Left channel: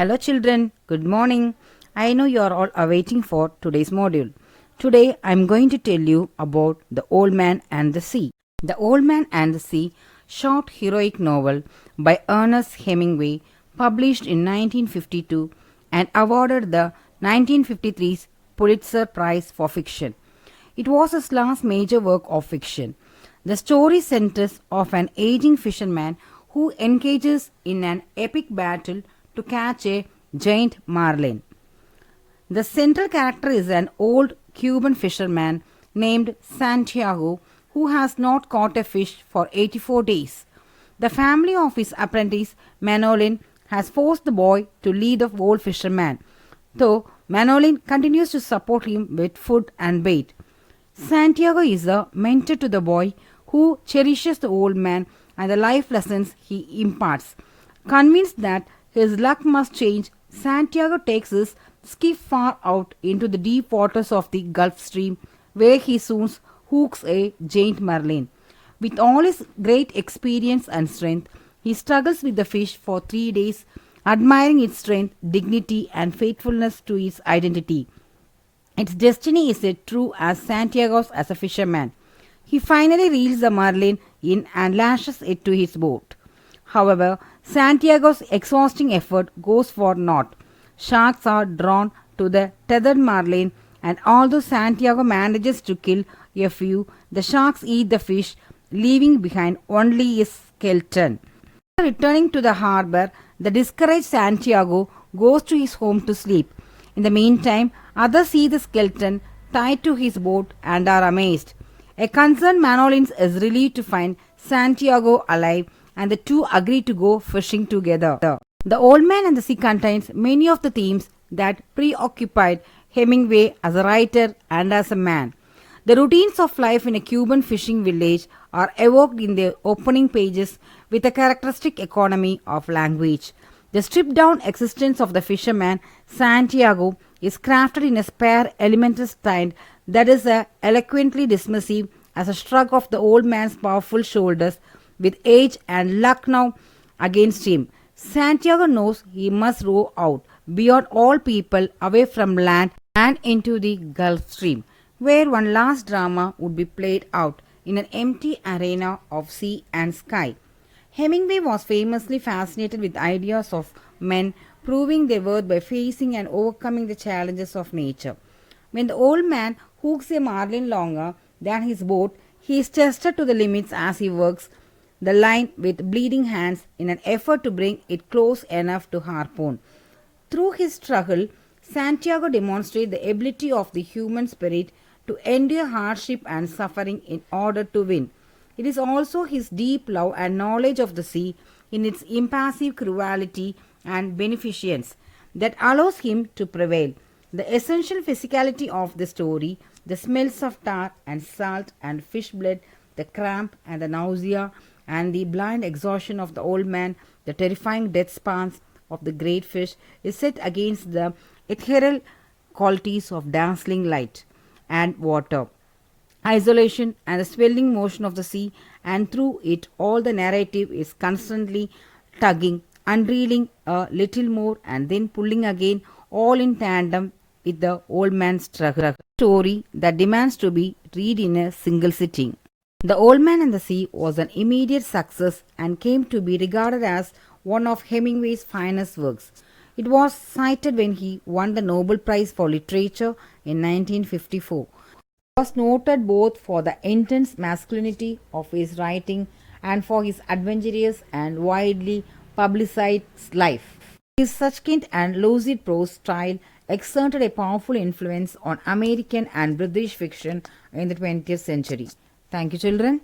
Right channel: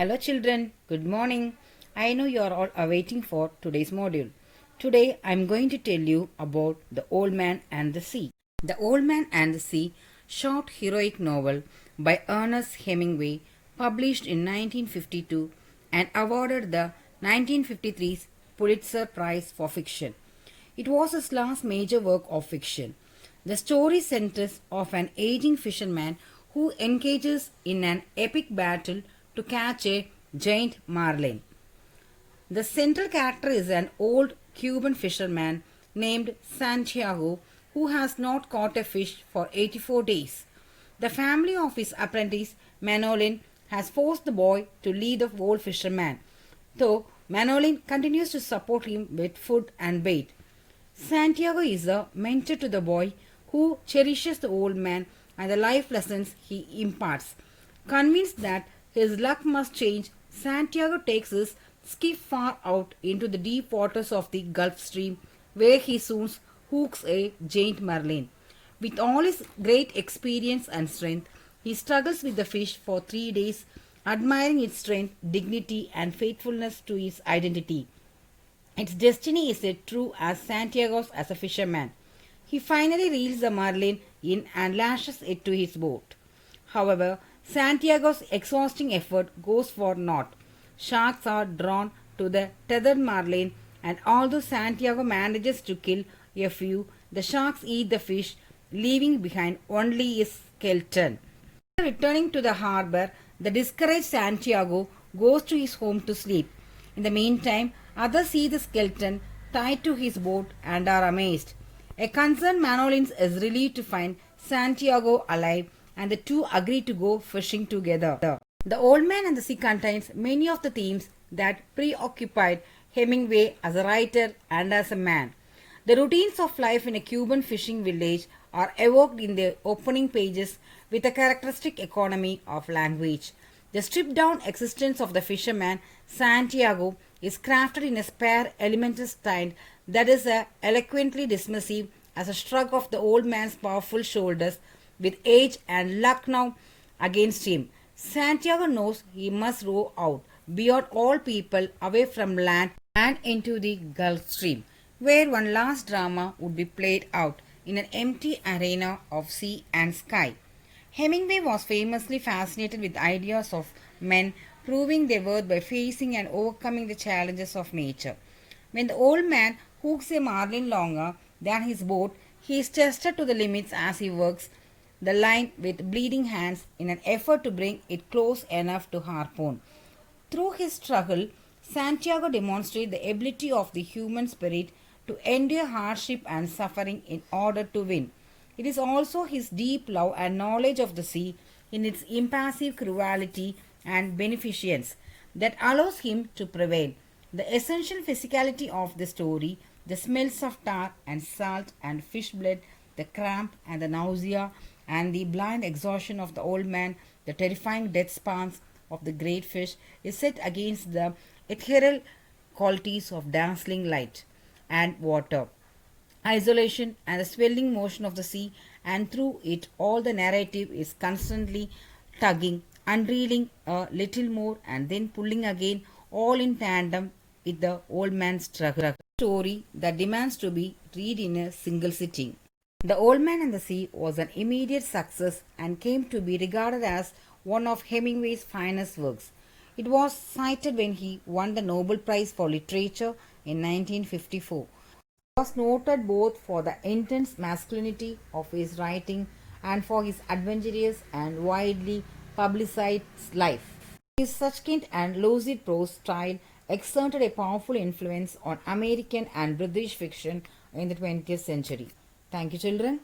Hello children, good morning. I know you are all awaiting for today's module. Today I am going to tell you about The Old Man and the Sea. The Old Man and the Sea, short heroic novel by Ernest Hemingway, published in 1952 and awarded the 1953 Pulitzer Prize for Fiction. It was his last major work of fiction. The story centers of an aging fisherman who engages in an epic battle to catch a giant marlin. The central character is an old Cuban fisherman named Santiago who has not caught a fish for 84 days. The family of his apprentice Manolin has forced the boy to lead the old fisherman, though Manolin continues to support him with food and bait. Santiago is a mentor to the boy who cherishes the old man and the life lessons he imparts. Convinced that his luck must change, Santiago takes his skiff far out into the deep waters of the Gulf Stream, where he soon hooks a giant marlin. With all his great experience and strength, he struggles with the fish for 3 days, admiring its strength, dignity, and faithfulness to its identity. Its destiny is as true as Santiago's as a fisherman. He finally reels the marlin in and lashes it to his boat. However, Santiago's exhausting effort goes for naught. Sharks are drawn to the tethered marlin, and although Santiago manages to kill a few, the sharks eat the fish, leaving behind only his skeleton. Returning to the harbor, the discouraged Santiago goes to his home to sleep. In the meantime, others see the skeleton tied to his boat and are amazed. A concerned Manolin is relieved to find Santiago alive, and the two agree to go fishing together. The Old Man and the Sea contains many of the themes that preoccupied Hemingway as a writer and as a man. The routines of life in a Cuban fishing village are evoked in the opening pages with a characteristic economy of language. The stripped-down existence of the fisherman Santiago is crafted in a spare, elemental style that is eloquently dismissive as a shrug of the old man's powerful shoulders. With age and luck now against him, Santiago knows he must row out beyond all people, away from land and into the Gulf Stream, where one last drama would be played out in an empty arena of sea and sky. Hemingway was famously fascinated with ideas of men proving their worth by facing and overcoming the challenges of nature. When the old man hooks a marlin longer than his boat, he is tested to the limits as he works the line with bleeding hands in an effort to bring it close enough to harpoon. Through his struggle, Santiago demonstrates the ability of the human spirit to endure hardship and suffering in order to win. It is also his deep love and knowledge of the sea in its impassive cruelty and beneficence that allows him to prevail. The essential physicality of the story, the smells of tar and salt and fish blood, the cramp and the nausea, and the blind exhaustion of the old man, the terrifying death spans of the great fish, is set against the ethereal qualities of dazzling light and water, isolation and the swelling motion of the sea, and through it all the narrative is constantly tugging, unreeling a little more and then pulling again, all in tandem with the old man's struggle. Story that demands to be read in a single sitting. The Old Man and the Sea was an immediate success and came to be regarded as one of Hemingway's finest works. It was cited when he won the Nobel Prize for Literature in 1954. He was noted both for the intense masculinity of his writing and for his adventurous and widely publicized life. His succinct and lucid prose style exerted a powerful influence on American and British fiction in the 20th century. Thank you, children.